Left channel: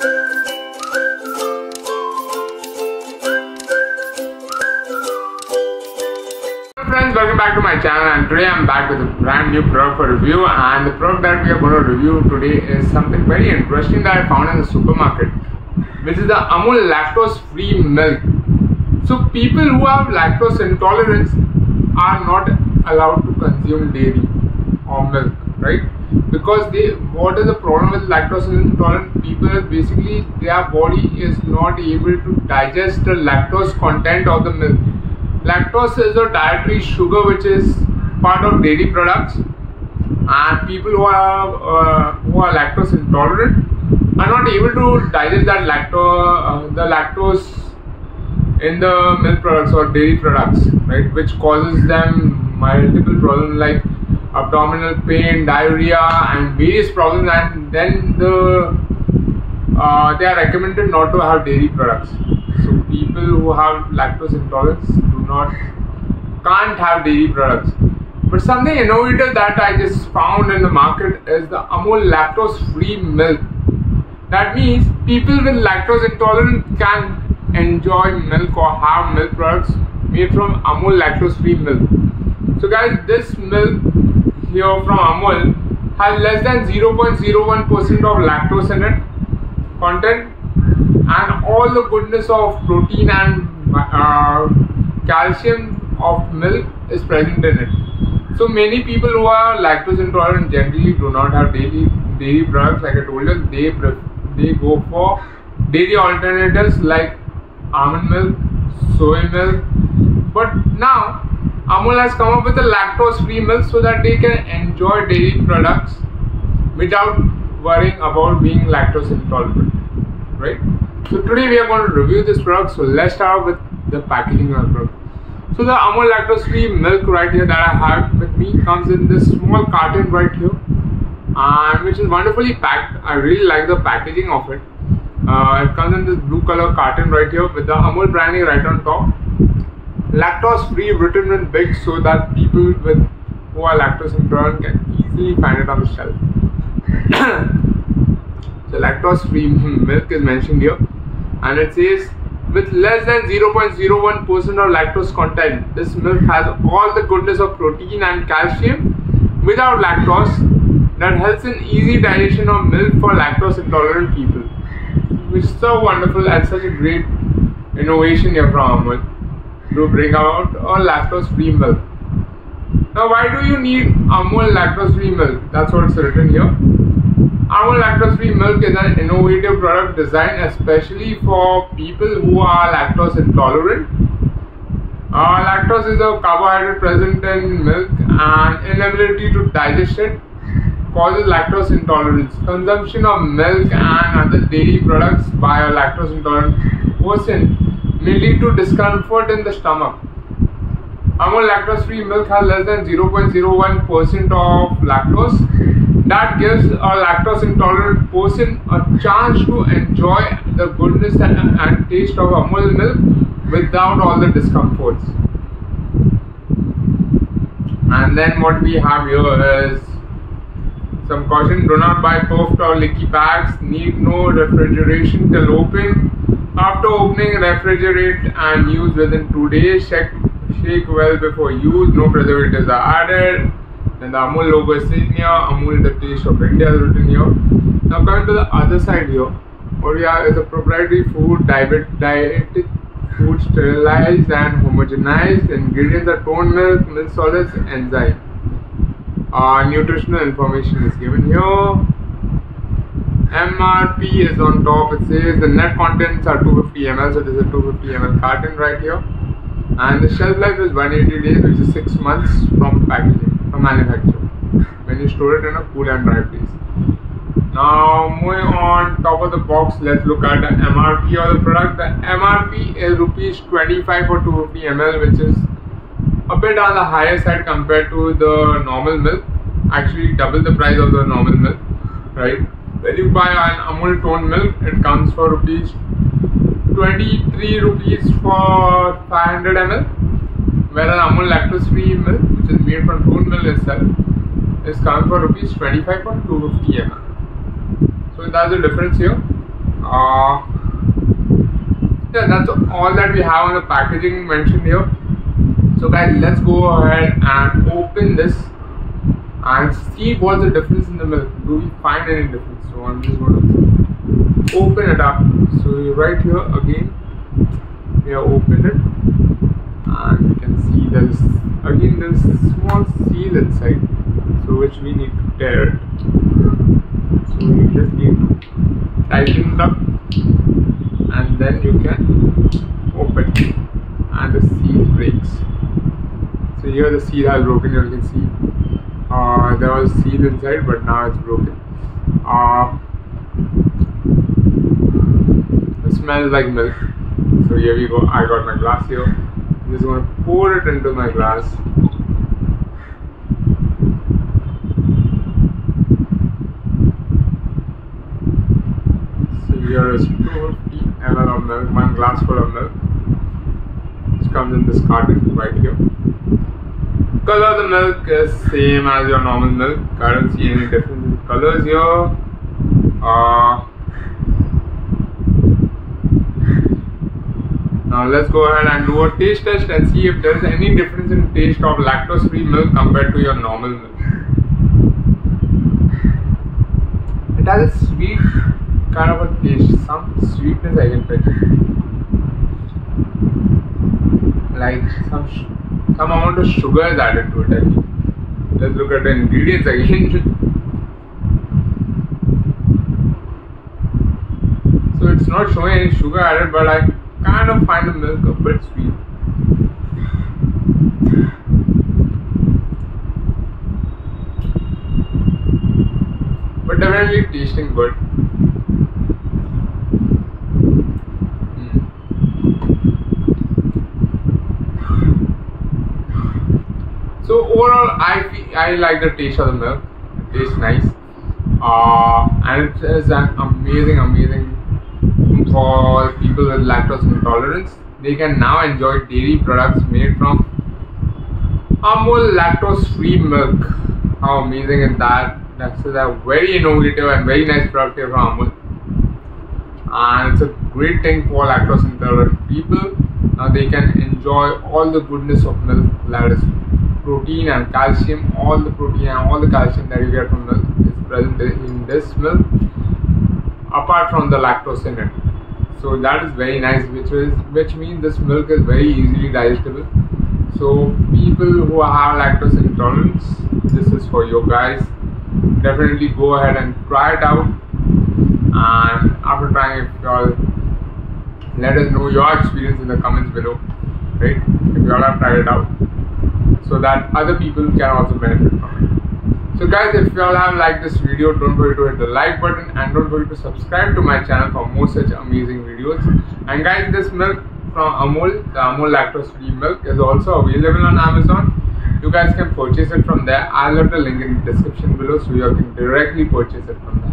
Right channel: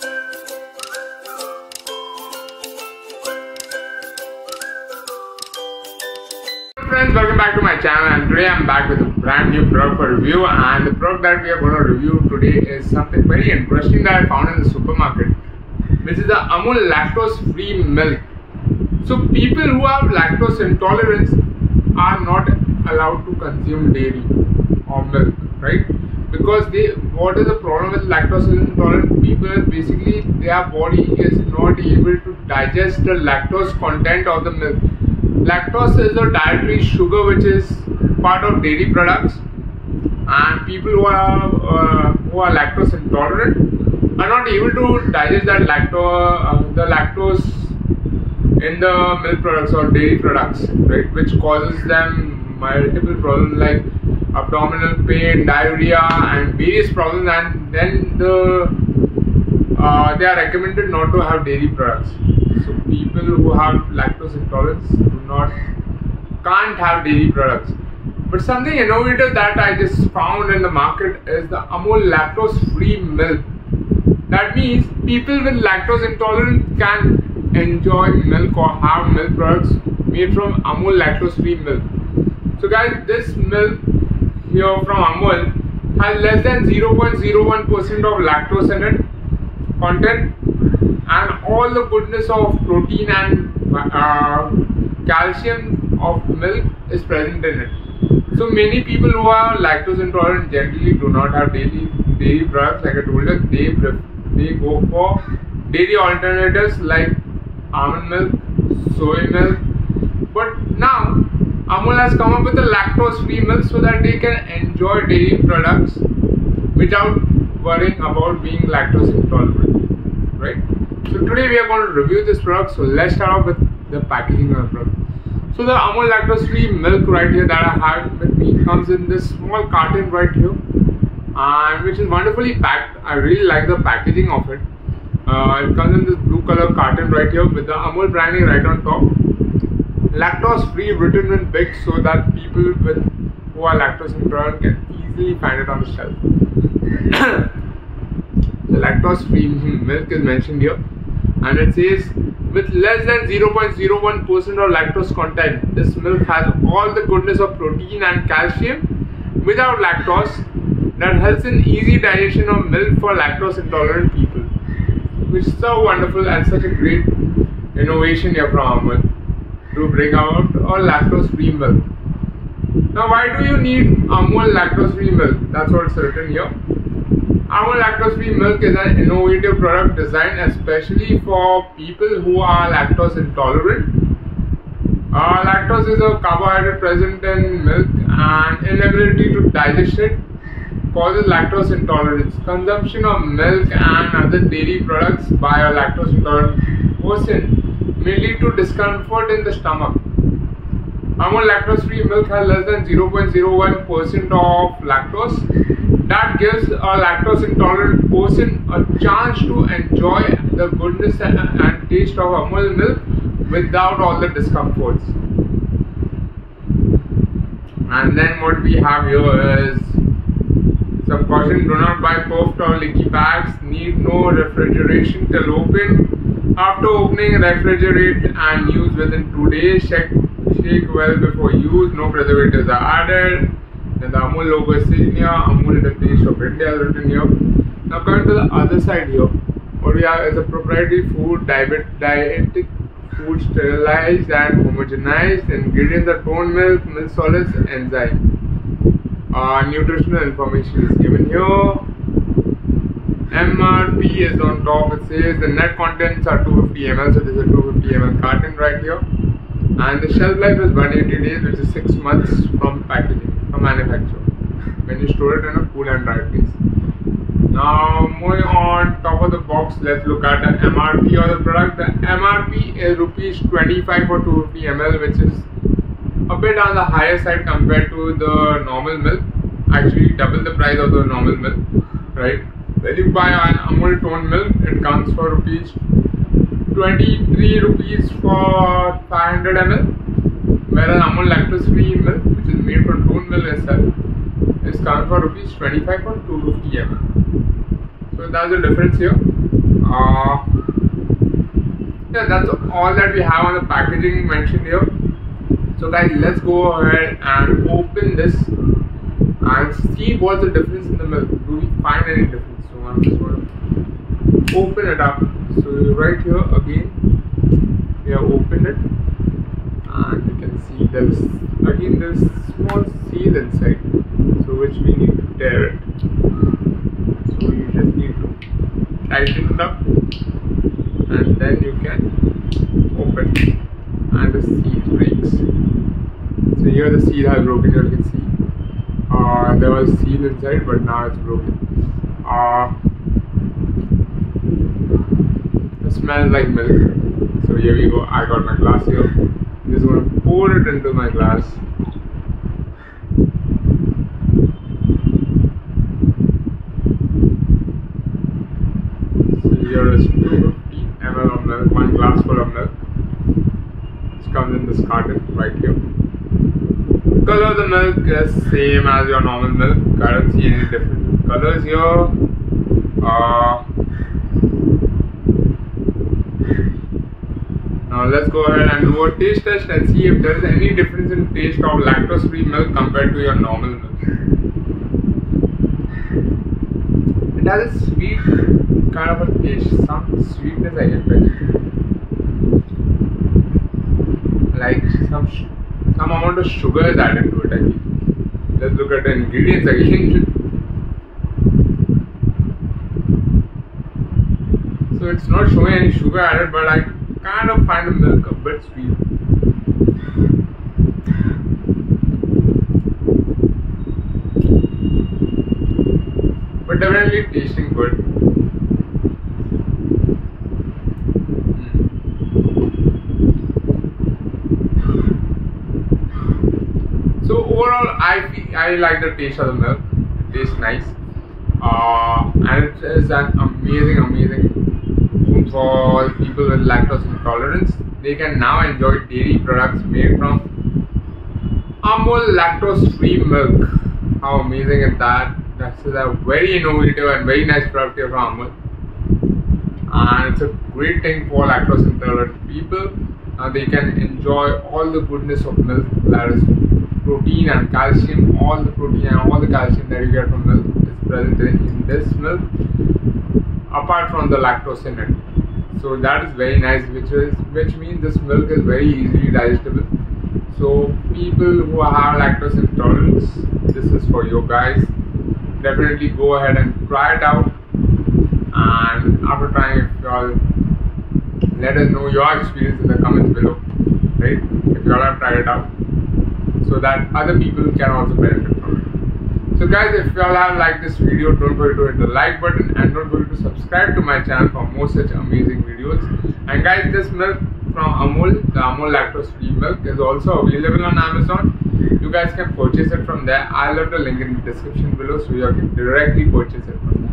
Friends, welcome back to my channel, and today I'm back with a brand new product for review. And the product that we are going to review today is something very interesting that I found in the supermarket, which is the Amul Lactose Free Milk. So people who have lactose intolerance are not allowed to consume dairy or milk, right? Because what is the problem with lactose intolerant people is basically their body is not able to digest the lactose content of the milk. Lactose is a dietary sugar which is part of dairy products, and people who are lactose intolerant are not able to digest that lactose in the milk products or dairy products, right? Which causes them multiple problems like abdominal pain, diarrhea, and various problems. And then they are recommended not to have dairy products. So people who have lactose intolerance can't have dairy products. But something innovative that I just found in the market is the Amul Lactose Free Milk. That means people with lactose intolerance can enjoy milk or have milk products made from Amul Lactose Free Milk. So guys, this milk here from Amul has less than 0.01% of lactose in it content, and all the goodness of protein and calcium of milk is present in it. So many people who are lactose intolerant generally do not have dairy products. Like I told you, they go for dairy alternatives like almond milk, soy milk. But now Amul has come up with a lactose free milk so that they can enjoy dairy products without worrying about being lactose intolerant, right? So today we are going to review this product. So let's start off with the packaging of the product. So the Amul Lactose Free Milk right here that I have with me comes in this small carton right here, and which is wonderfully packed. I really like the packaging of it. It comes in this blue color carton right here with the Amul branding right on top. Lactose free written in big so that people who are lactose intolerant can easily find it on the shelf. The lactose free milk is mentioned here, and it says with less than 0.01% of lactose content, this milk has all the goodness of protein and calcium without lactose that helps in easy digestion of milk for lactose intolerant people, which is so wonderful and such a great innovation here from Amul to bring out a lactose free milk. Now, why do you need Amul Lactose Free Milk? That's what's written here. Amul Lactose Free Milk is an innovative product designed especially for people who are lactose intolerant. Lactose is a carbohydrate present in milk, and inability to digest it causes lactose intolerance. Consumption of milk and other dairy products by a lactose intolerant person may lead to discomfort in the stomach. Amul Lactose Free Milk has less than 0.01% of lactose. That gives a lactose intolerant person a chance to enjoy the goodness and taste of Amul milk without all the discomforts. And then what we have here is some caution: do not buy puffed or leaky packs, need no refrigeration till open. After opening, refrigerate and use within 2 days. Shake well before use. No preservatives are added. Then the Amul logo is seen here. Amul, the taste of India, is written here. Now coming to the other side here, what we have is a proprietary food, dietetic food, sterilized and homogenized. Ingredients are toned milk, milk solids, enzyme. Nutritional information is given here. MRP is on top. It says the net contents are 250 ml, so this is a 250 ml carton right here, and the shelf life is 180 days, which is 6 months from packaging, from manufacture, when you store it in a cool and dry place. Now moving on top of the box, let's look at the MRP of the product. The MRP is rupees 25 for 250 ml, which is a bit on the higher side compared to the normal milk, actually double the price of the normal milk, right? When you buy an Amul toned milk, it comes for rupees 23 rupees for 500 ml, whereas Amul Lactose Free Milk, which is made from toned milk itself, is coming for rupees 25 for 250 ml. So that's the difference here. Yeah, that's all that we have on the packaging mentioned here. So guys, let's go ahead and open this and see what's the difference in the milk. Do we find any difference? So I'm just going to open it up. So right here again, we have opened it, and you can see there's small seal inside, so which we need to tear it. So you just need to tighten it up, and then you can open it, and the seal breaks. So here the seal has broken. You can see there was seal inside, but now it's broken. It smells like milk. So here we go. I got my glass here. I'm just going to pour it into my glass. So here is 250 ml of milk, one glass full of milk. It comes in this carton right here. Color of the milk is same as your normal milk. I don't see any difference in colors here. Now let's go ahead and do a taste test and see if there is any difference in taste of lactose free milk compared to your normal milk. It has a sweet kind of a taste, some sweetness I can feel, like some amount of sugar is added to it, I think. Let's look at the ingredients again. So it's not showing any sugar added, but I kind of find the milk a bit sweet. But definitely tasting good. So overall, I like the taste of the milk. It tastes nice, and it is an amazing food for people with lactose intolerance. They can now enjoy dairy products made from Amul Lactose Free Milk. How amazing is that? That's a very innovative and very nice product here from Amul, and it's a great thing for lactose intolerant people. Now they can enjoy all the goodness of milk, that is protein and calcium. All the protein and all the calcium that you get from milk is present in this milk, apart from the lactose in it. So that is very nice, which means this milk is very easily digestible. So people who have lactose intolerance, this is for you guys. Definitely go ahead and try it out, and after trying, if you all let us know your experience in the comments below, right? If you all have tried it out, so that other people can also benefit from it. So guys, if you all have liked this video, don't forget to hit the like button, and don't forget to subscribe to my channel for more such amazing videos. And guys, this milk from Amul, the Amul Lactose Free Milk, is also available on Amazon. You guys can purchase it from there. I'll leave the link in the description below, so you can directly purchase it from there.